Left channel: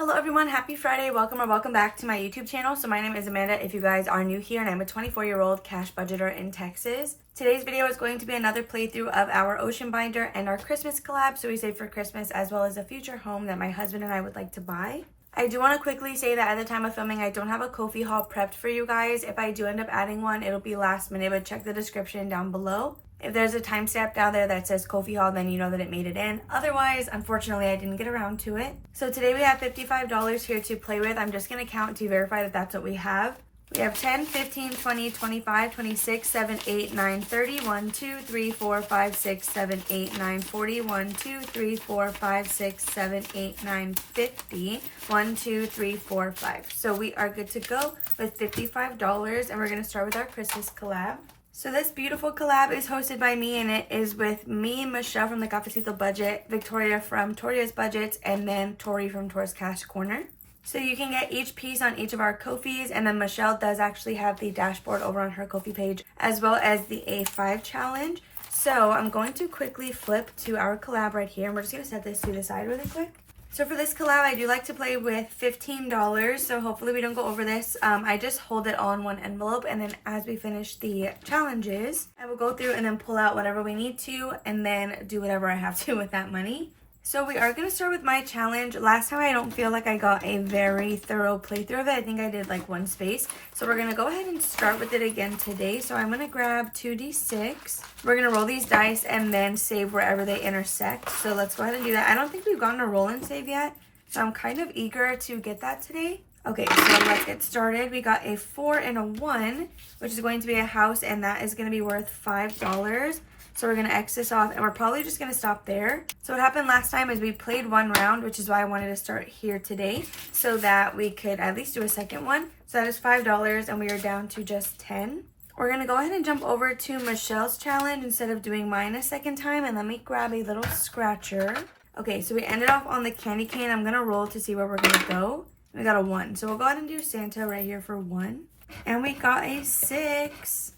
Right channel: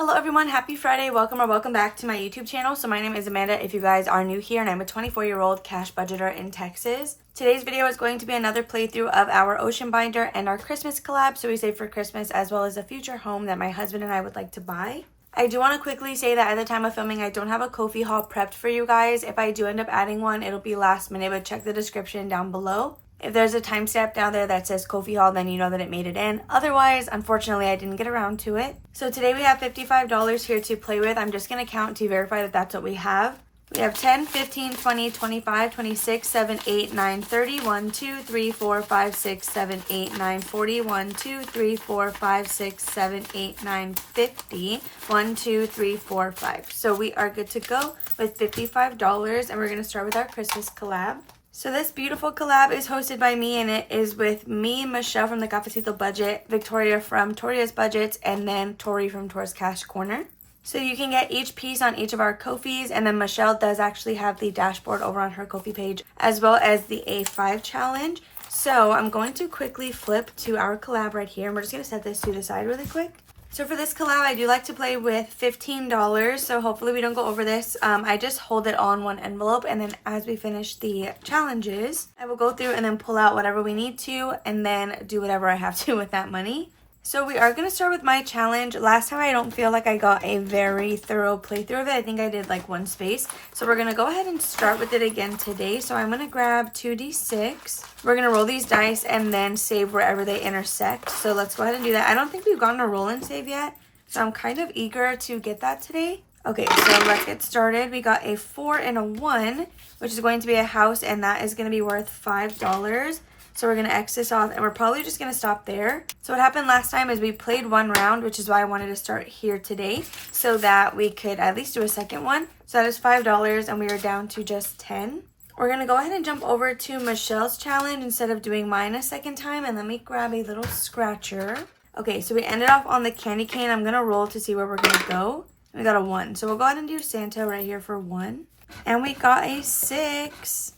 Hello everyone, happy Friday. Welcome back to my YouTube channel. So my name is Amanda if you guys are new here, and I'm a 24-year-old cash budgeter in Texas. Today's video is going to be another playthrough of our ocean binder and our Christmas collab. So we saved for Christmas as well as a future home that my husband and I would like to buy. I do want to quickly say that at the time of filming, I don't have a Ko-fi haul prepped for you guys. If I do end up adding one, it'll be last minute, but check the description down below. If there's a timestamp down there that says Ko-fi haul, then you know that it made it in. Otherwise, unfortunately, I didn't get around to it. So today we have $55 here to play with. I'm just going to count to verify that that's what we have. We have 10, 15, 20, 25, 26, 7, 8, 9, 30, 1, 2, 3, 4, 5, 6, 7, 8, 9, 40, 1, 2, 3, 4, 5, 6, 7, 8, 9, 50, 1, 2, 3, 4, 5. So we are good to go with $55, and we're going to start with our Christmas collab. So this beautiful collab is hosted by me, and it is with me, Michelle from the Cafecito Budget, Victoria from Toria's Budgets, and then Tori from Tori's Cash Corner. So you can get each piece on each of our Ko-fis, and then Michelle does actually have the dashboard over on her Ko-fi page, as well as the A5 challenge. So I'm going to quickly flip to our collab right here, and we're just going to set this to the side really quick. So for this collab, I do like to play with $15, so hopefully we don't go over this. I just hold it all in one envelope, and then as we finish the challenges, I will go through and then pull out whatever we need to, and then do whatever I have to with that money. So we are going to start with my challenge. Last time I don't feel like I got a very thorough playthrough of it. I think I did like one space. So we're going to go ahead and start with it again today. So I'm going to grab 2d6. We're going to roll these dice and then save wherever they intersect. So let's go ahead and do that. I don't think we've gotten a roll and save yet, so I'm kind of eager to get that today. Okay, so let's get started. We got a 4 and a 1, which is going to be a house, and that is going to be worth $5. So we're going to X this off, and we're probably just going to stop there. So what happened last time is we played one round, which is why I wanted to start here today, so that we could at least do a second one. So that is $5, and we are down to just 10. We're going to go ahead and jump over to Michelle's challenge instead of doing mine a second time, and let me grab a little scratcher. Okay, so we ended off on the candy cane. I'm going to roll to see where we're going to go. We got a 1. So we'll go ahead and do Santa right here for 1. And we got a 6.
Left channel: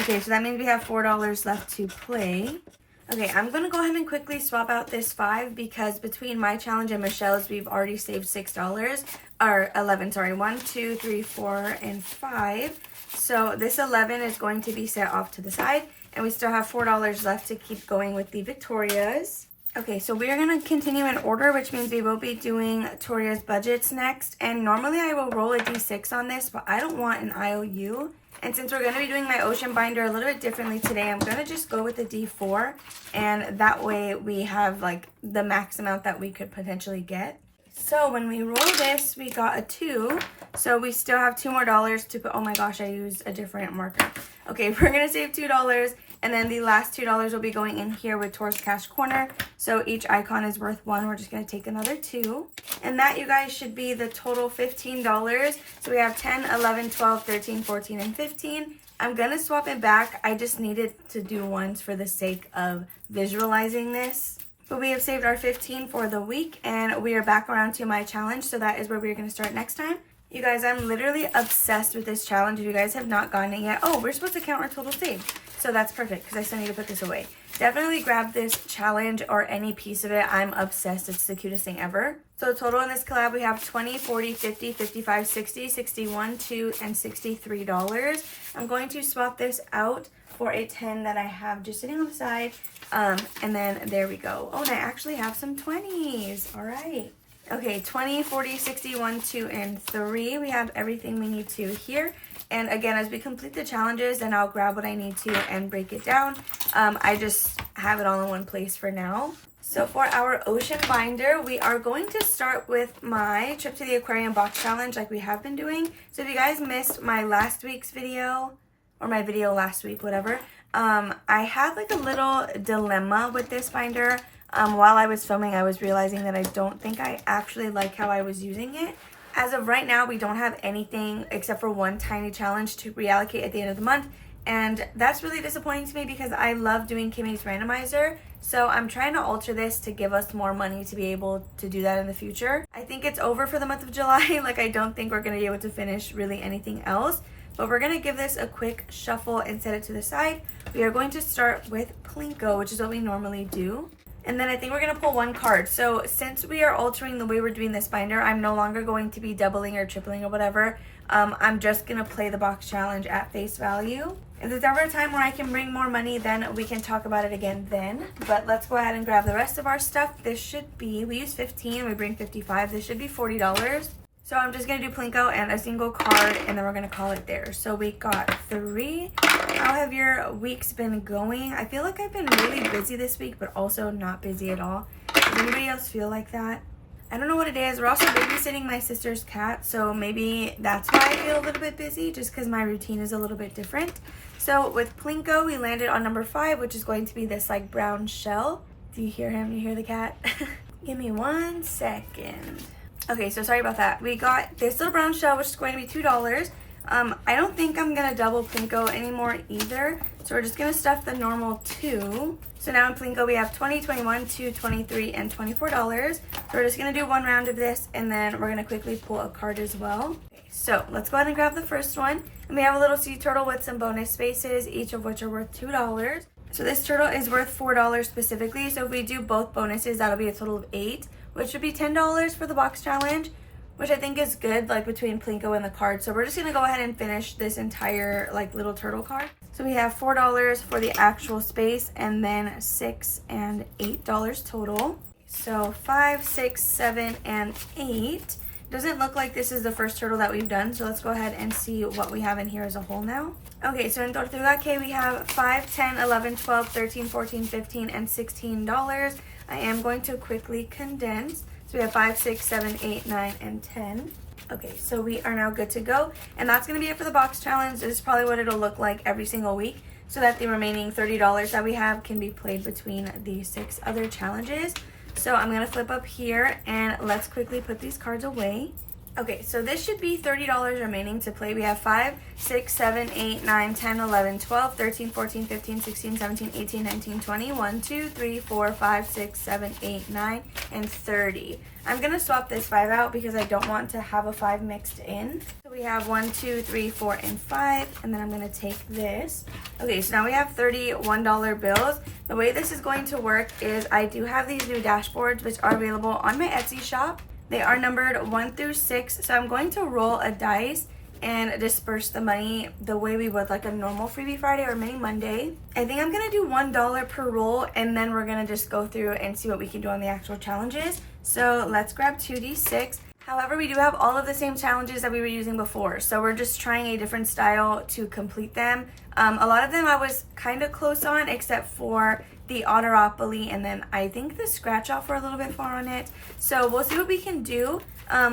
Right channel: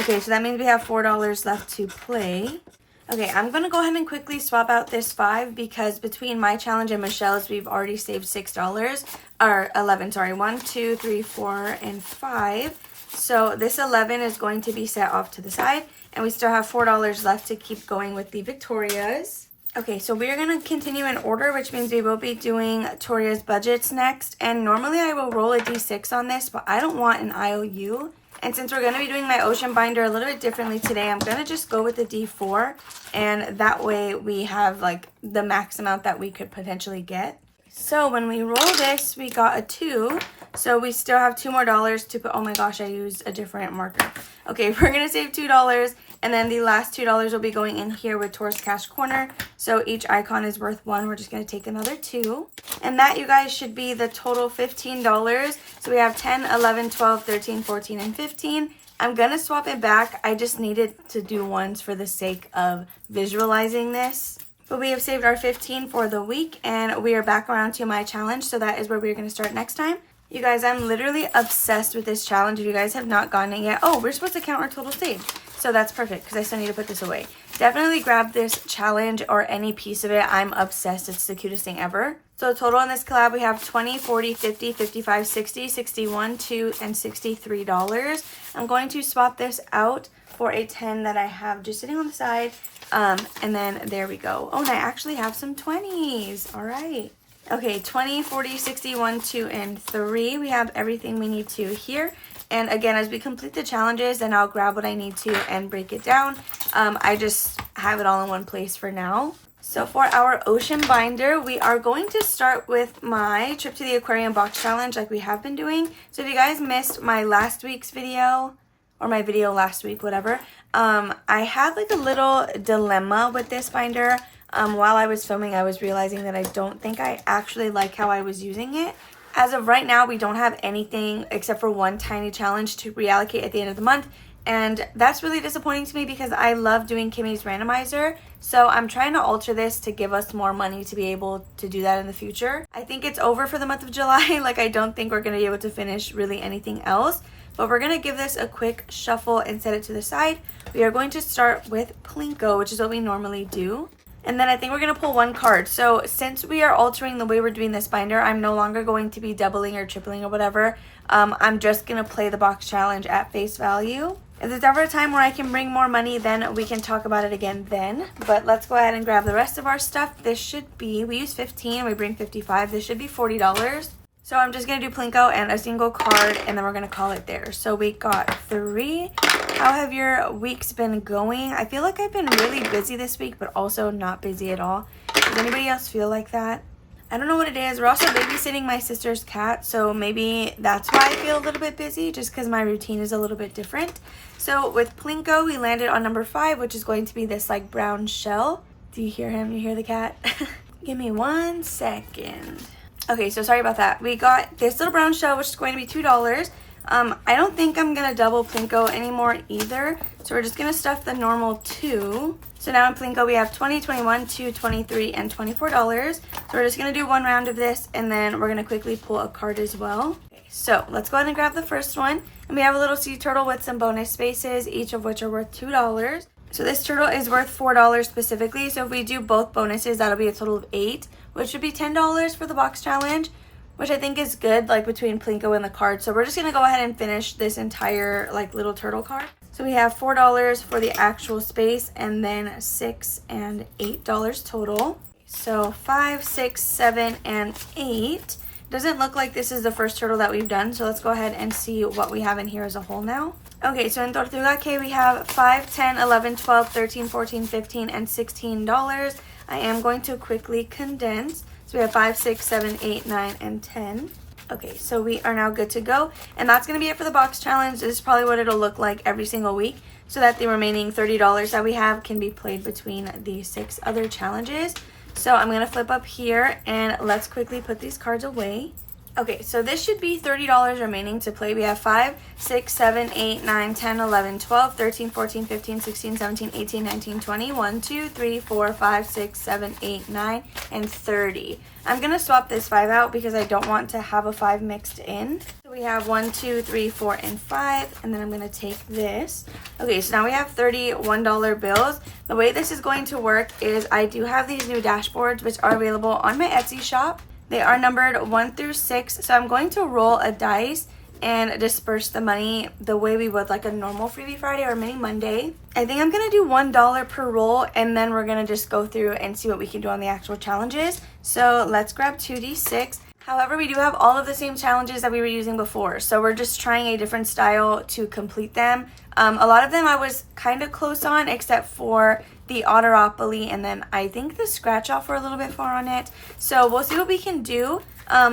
Okay, so that means we have $4 left to play. Okay, I'm going to go ahead and quickly swap out this 5 because between my challenge and Michelle's, we've already saved $6. Or 11, sorry. 1, 2, 3, 4, and 5. So this 11 is going to be set off to the side. And we still have $4 left to keep going with the Victorias. Okay, so we are going to continue in order, which means we will be doing Toria's Budgets next. And normally I will roll a d6 on this, but I don't want an IOU. And since we're going to be doing my ocean binder a little bit differently today, I'm going to just go with the D4. And that way we have like the max amount that we could potentially get. So when we roll this, we got a 2. So we still have $2 more to put. Oh my gosh, I used a different marker. Okay, we're going to save $2. And then the last $2 will be going in here with Tori's Cash Corner. So each icon is worth 1. We're just going to take another 2. And that, you guys, should be the total $15. So we have 10, 11, 12, 13, 14, and 15. I'm going to swap it back. I just needed to do ones for the sake of visualizing this. But we have saved our 15 for the week. And we are back around to my challenge. So that is where we're going to start next time. You guys, I'm literally obsessed with this challenge. If you guys have not gotten it yet. Oh, we're supposed to count our total saved. So that's perfect because I still need to put this away. Definitely grab this challenge or any piece of it. I'm obsessed. It's the cutest thing ever. So total in this collab, we have 20, 40, 50, 55, 60, 61, $2, and $63. I'm going to swap this out for a 10 that I have just sitting on the side. And then there we go. Oh, and I actually have some 20s. All right. Okay, 20, 40, 61, 2, and 3. We have everything we need to here. And again, as we complete the challenges, then I'll grab what I need to and break it down. I just have it all in one place for now. So for our ocean binder, we are going to start with my trip to the aquarium box challenge like we have been doing. So if you guys missed my last week's video, or my video last week, whatever, I had like a little dilemma with this binder. While I was filming, I was realizing that I don't think I actually like how I was using it. As of right now, we don't have anything except for one tiny challenge to reallocate at the end of the month. And that's really disappointing to me because I love doing Kimmy's randomizer. So I'm trying to alter this to give us more money to be able to do that in the future. I think it's over for the month of July. Like, I don't think we're going to be able to finish really anything else. But we're going to give this a quick shuffle and set it to the side. We are going to start with plinko, which is what we normally do. And then I think we're going to pull one card. So since we are altering the way we're doing this binder, I'm no longer going to be doubling or tripling or whatever. I'm just going to play the box challenge at face value. If there's ever a time where I can bring more money, then we can talk about it again then. But let's go ahead and grab the rest of our stuff. This should be, we use 15, we bring 55. This should be $40. So I'm just going to do plinko and a single card, and then we're going to call it there. So we got 3. How have your weeks been going? I feel like I've been really busy this week, but also not busy at all. Does anybody else feel like that? I don't know what it is. We're also babysitting my sister's cat, so maybe that's why I feel a little bit busy, just because my routine is a little bit different. So with plinko, we landed on number 5, which is going to be this like brown shell. Do you hear him? You hear the cat? Give me 1 second. Okay, so sorry about that. We got this little brown shell, which is going to be $2. I don't think I'm going to double plinko anymore either. So we're just going to stuff the normal 2. So now in plinko, we have 20, 21, 2, 23, and $24. So we're just going to do 1 round of this, and then we're going to quickly pull a card as well. Okay, so let's go ahead and grab the first one. And we have a little sea turtle with some bonus spaces, each of which are worth $2. So this turtle is worth $4 specifically. So if we do both bonuses, that'll be a total of 8. Which would be $10 for the box challenge, which I think is good, like between plinko and the card. So we're just gonna go ahead and finish this entire like little turtle card. So we have $4 for the actual space, and then $6 and $8 total. So 5, 6, 7, and 8. Doesn't look like this is the first turtle that we've done, so let's go ahead and see what we have in here as a whole now. Okay, so in Tortuga K we have 5, 10, 11, 12, 13, 14, 15, and $16. I am going to quickly condense. So we have 5, 6, 7, 8, 9, and 10. Okay, so we are now good to go. And that's going to be it for the box challenge. This is probably what it'll look like every single week, so that the remaining $30 that we have can be played between the 6 other challenges. So I'm going to flip up here, and let's quickly put these cards away. Okay, so this should be $30 remaining to play. We have 5, 6, 7, 8, 9, 10, 11, 12, 13, 14, 15, 16, 17, 18, 19, 20, 1, 2, 3, 4, 5, 6, 7, 8, 9, and 30. I'm going to swap this 5 out because I don't want to have a 5 mixed in. So we have 1, 2, 3, 4, and 5, and then I'm going to take this. Okay, so now we have $31 bills. The way this is going to work is I do have these new dashboards, which are available on my Etsy shop. They are numbered 1 through 6, so I'm going to roll a dice and disperse the money the way we would like a normal Freebie Friday or Mini Monday. I think I'm going to do $1 per roll, and then we're going to just go through and see what we can do on the actual challenges. So let's grab 2d6. However, we do have all of the same challenges that we were using before, so we're just trying a different style to complete them. A lot of them I was kind of close on, except for the Otteropoly, and then I think the scratch off were a little bit far on it. So we'll see what we can do.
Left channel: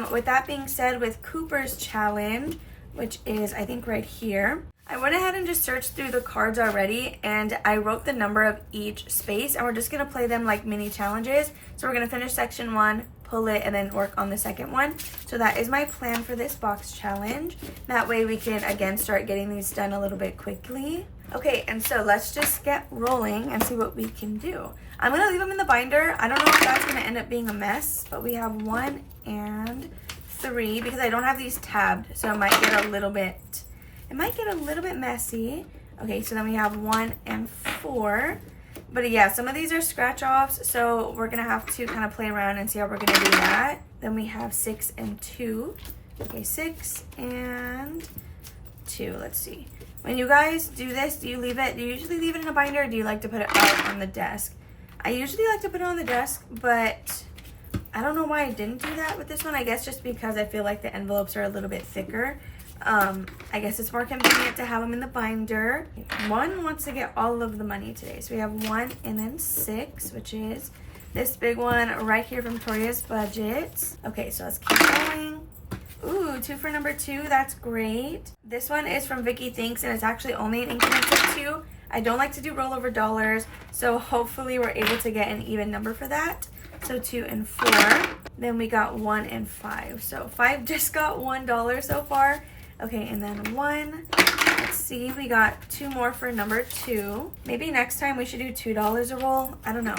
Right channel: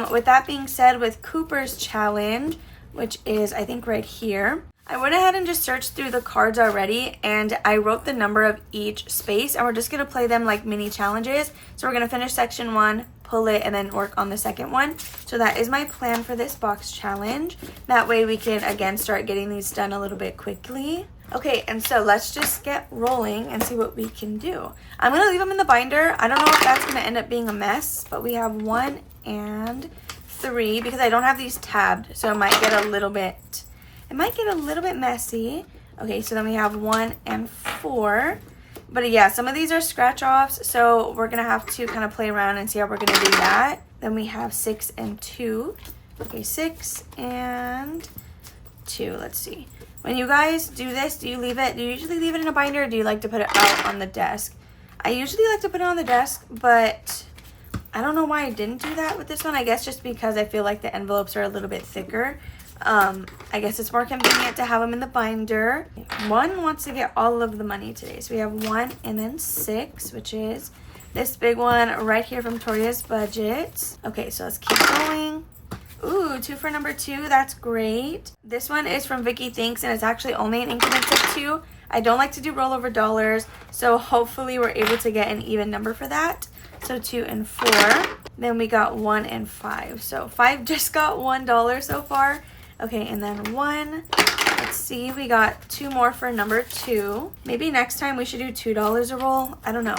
With that being said, with Cooper's challenge, which is I think right here, I went ahead and just searched through the cards already, and I wrote the number of each space, and we're just going to play them like mini challenges. So we're going to finish section 1, pull it, and then work on the second one. So that is my plan for this box challenge. That way we can again start getting these done a little bit quickly. Okay, and so let's just get rolling and see what we can do. I'm going to leave them in the binder. I don't know if that's going to end up being a mess, but we have 1 and 3 because I don't have these tabbed, so it might get a little bit messy. Okay, so then we have 1 and 4. But yeah, some of these are scratch offs, so we're going to have to kind of play around and see how we're going to do that. Then we have 6 and 2. Okay, 6 and 2. Let's see. When you guys do this, do you usually leave it in a binder, or do you like to put it out on the desk? I usually like to put it on the desk, but I don't know why I didn't do that with this one. I guess just because I feel like the envelopes are a little bit thicker. I guess it's more convenient to have them in the binder. 1 wants to get all of the money today. So we have 1 and then 6, which is this big one right here from Toria's Budget. Okay, so let's keep going. Ooh, 2 for number 2. That's great. This one is from Vicky Thinks, and it's actually only in increments of 2. I don't like to do rollover dollars, so hopefully we're able to get an even number for that. So 2 and 4. Then we got 1 and 5. So 5 just got $1 so far. Okay, and then 1. Let's see, we got 2 more for number 2. Maybe next time we should do $2 a roll. I don't know.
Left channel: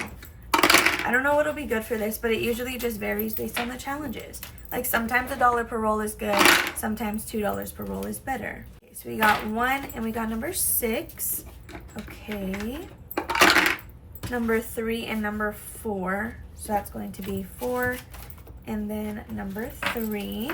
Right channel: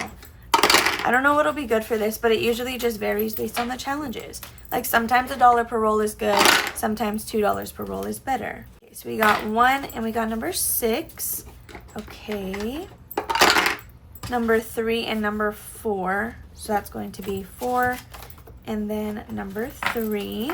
I don't know what'll be good for this, but it usually just varies based on the challenges. Like sometimes $1 per roll is good, sometimes $2 per roll is better. Okay, so we got 1 and we got number 6. Okay. number 3, and number 4. So that's going to be 4 and then number 3.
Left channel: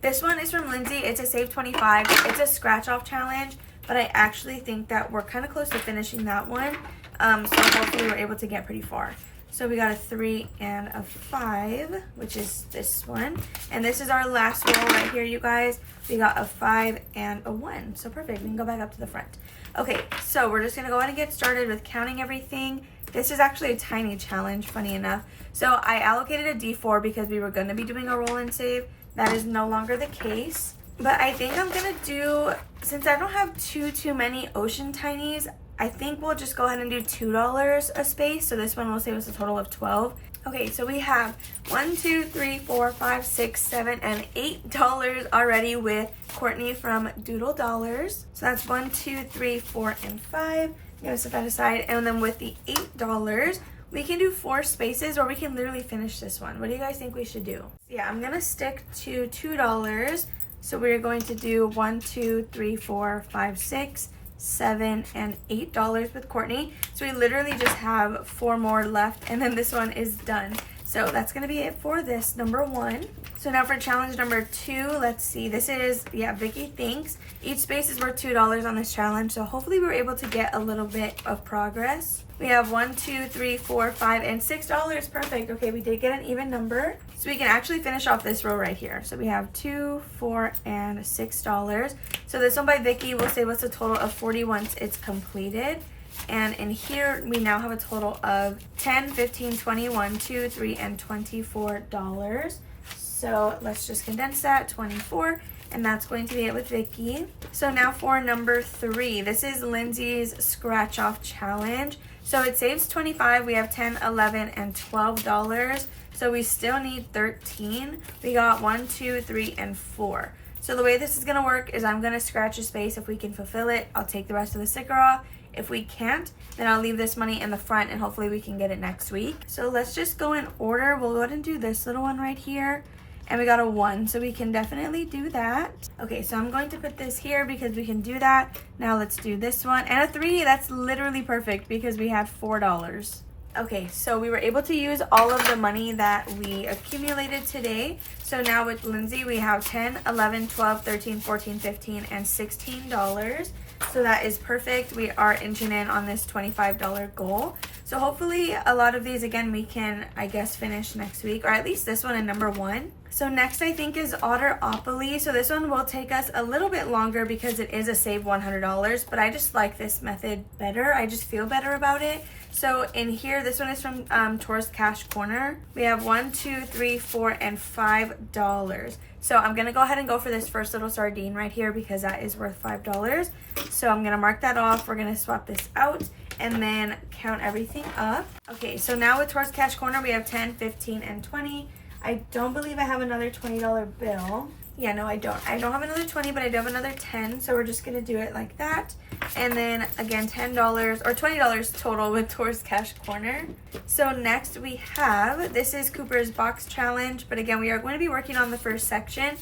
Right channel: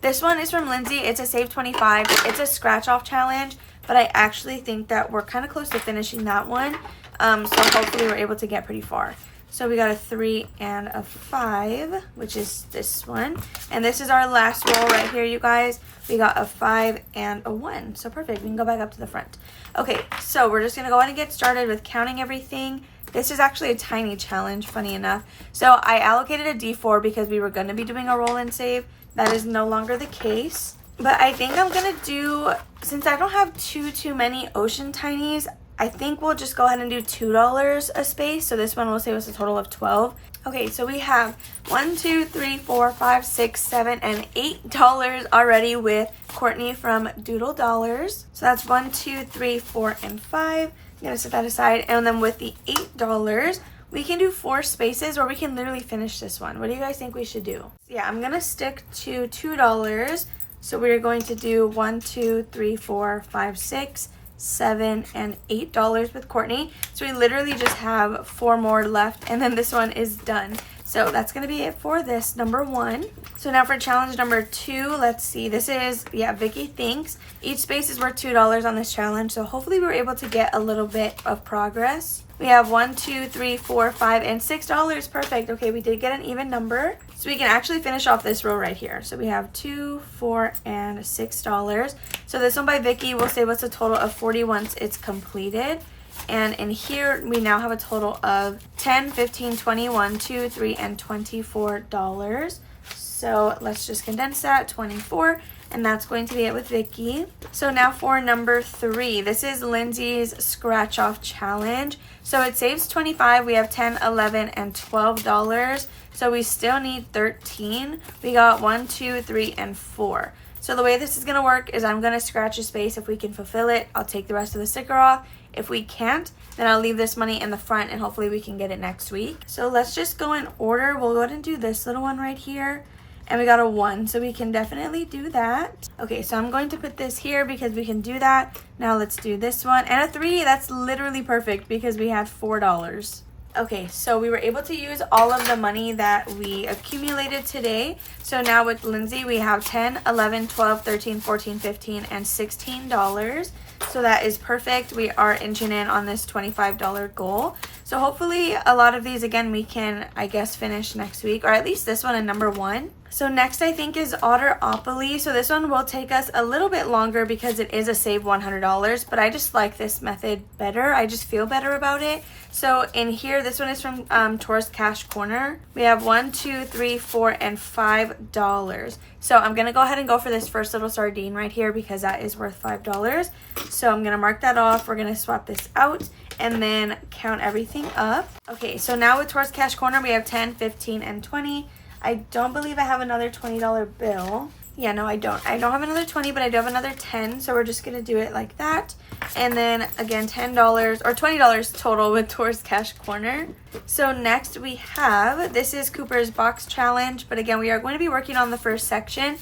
This one is from Lindsay. It's a save 25. It's a scratch off challenge, but I actually think that we're kind of close to finishing that one. So hopefully we're able to get pretty far. So we got a 3 and a 5, which is this one. And this is our last roll right here, you guys. We got a 5 and a 1. So perfect. We can go back up to the front. Okay, so we're just going to go ahead and get started with counting everything. This is actually a tiny challenge, funny enough. So I allocated a D4 because we were going to be doing a roll and save. That is no longer the case. But I think I'm going to do, since I don't have too many ocean tinies, I think we'll just go ahead and do $2 a space. So this one will save us a total of 12. Okay, so we have $1, $2, $3, $4, $5, $6, $7, and $8 already with Courtney from Doodle Dollars. So that's 1, 2, 3, 4, and 5. I'm gonna set that aside. And then with the $8, we can do 4 spaces, or we can literally finish this one. What do you guys think we should do? Yeah, I'm gonna stick to $2. So we're going to do 1, 2, 3, 4, 5, 6, 7, and $8 with Courtney. So we literally just have 4 more left, and then this one is done. So that's going to be it for this number 1. So now for challenge number 2, let's see. This is, Vicky Thinks. Each space is worth $2 on this challenge. So hopefully we were able to get a little bit of progress. We have 1, 2, 3, 4, 5, and $6. Perfect. Okay, we did get an even number. So we can actually finish off this row right here. So we have 2, 4, and $6. So this one by Vicky will save us a total of 40 once it's completed. And in here, we now have a total of 10, 15, 21, 2, 3, and $24. So let's just condense that, 24. And that's going to be it with Vicky. So now for number 3, this is Lindsay's scratch off challenge. So it saves 25. We have 10, 11, and $12. So we still need 13. We got 1, 2, 3, and 4. So the way this is going to work is I'm going to scratch a space. If we can fulfill it, I'll take the rest of the sticker off. If we can't, then I'll leave this money in the front and hopefully we can get it next week. So let's just go in order. We'll go ahead and do this little one right here. And we got a 1, so we can definitely do that. Okay, so I'm going to put this here because we can do that. Now let's do this one. And a 3, that's literally perfect because we had $4. Okay, so we were able to use all of the money that we accumulated today. So now with Lindsay, we have 10, 11, 12, 13, 14, 15, and $16. So that is perfect. We are inching in on this $25 goal. So hopefully a lot of these, again, we can, I guess, finish next week, or at least this one in number 1. So next I think is Otteropoly. So this one will take us a little bit longer because it is a save $100, but I just like this method better. I just feel better about it. So in here, this one is from Tourist Cash Corner. We have 1, 2, 3, 4, and $5. So I'm gonna go ahead and go for this first little sardine right here because that is worth $5. So I'm gonna mark that off. We're gonna swap this out and then count everything up. Okay, so now with Tourist Cash Corner, we have 10, 15, and 20. I don't believe I have another $20 bill. Yeah, no, I don't. I don't have another 20, but I do have another 10. So we're just going to do it like that. And then again, $10 or $20 total with Tourist Cash Corner. So next we have, this is Cooper's Box Challenge. But again, we are going to be working on the first section.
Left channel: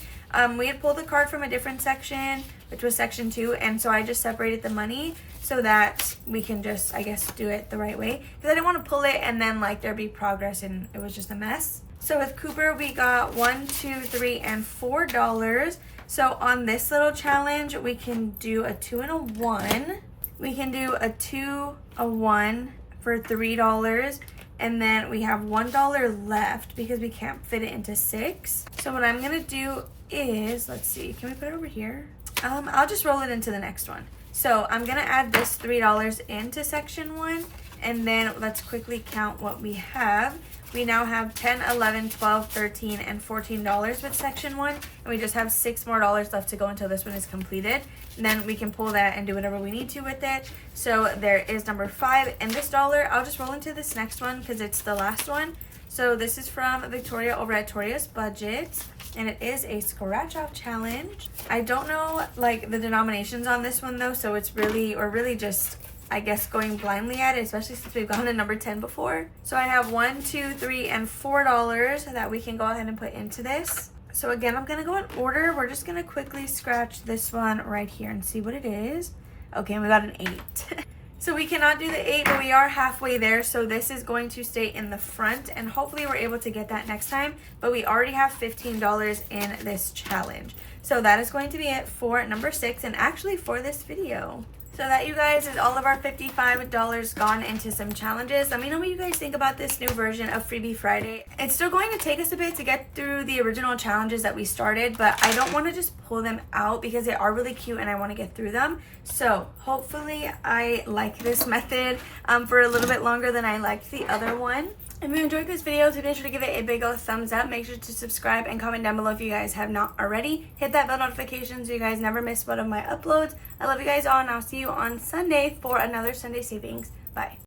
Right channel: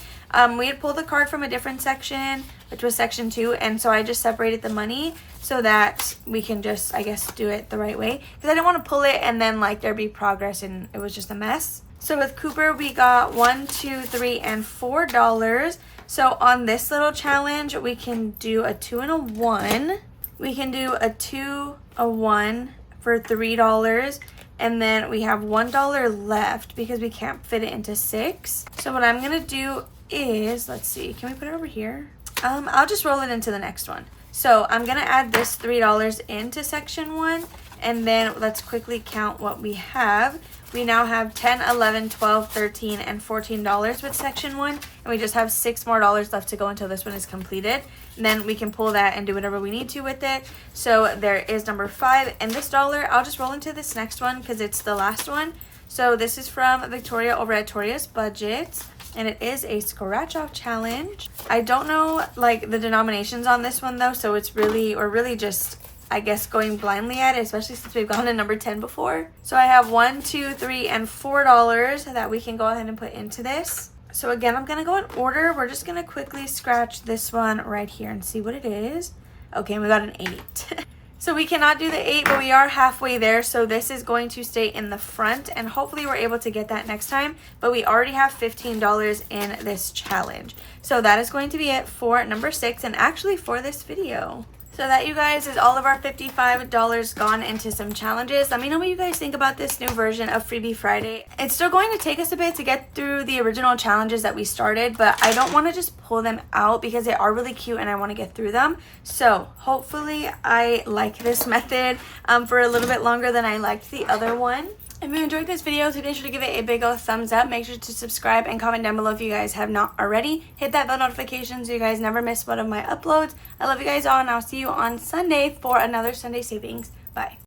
We had pulled the card from a different section, which was section 2. And so I just separated the money so that we can just, I guess, do it the right way. Because I didn't want to pull it and then like there be progress and it was just a mess. So with Cooper, we got 1, 2, 3, and $4. So on this little challenge, we can do a 2 and a 1. We can do a 2, a 1 for $3. And then we have $1 left because we can't fit it into 6. So what I'm going to do is, let's see, can we put it over here? I'll just roll it into the next one. So I'm going to add this $3 into section 1. And then let's quickly count what we have. We now have 10, 11, 12, 13, and $14 with section 1. And we just have $6 more left to go until this one is completed. And then we can pull that and do whatever we need to with it. So there is number 5. And this dollar, I'll just roll into this next one because it's the last one. So this is from Victoria over at Toria's Budget. And it is a scratch off challenge. I don't know like the denominations on this one though. So it's really, we're really just, I guess, going blindly at it, especially since we've gone to number 10 before. So I have 1, 2, 3, and $4 that we can go ahead and put into this. So again, I'm gonna go in order. We're just gonna quickly scratch this one right here and see what it is. Okay, and we got an 8. So we cannot do the 8, but we are halfway there. So this is going to stay in the front, and hopefully we're able to get that next time. But we already have $15 in this challenge. So that is going to be it for number 6, and actually for this video. So that, you guys, is all of our $55 gone into some challenges. Let me know what you guys think about this new version of Freebie Friday. It's still going to take us a bit to get through the original challenges that we started, but I don't want to just pull them out because they are really cute and I want to get through them. So hopefully I like this method for a little bit longer than I liked the other one. If you enjoyed this video, so be sure to give it a big old thumbs up. Make sure to subscribe and comment down below if you guys have not already. Hit that bell notification so you guys never miss one of my uploads. I love you guys all, and I'll see you on Sunday for another Sunday Savings. Bye.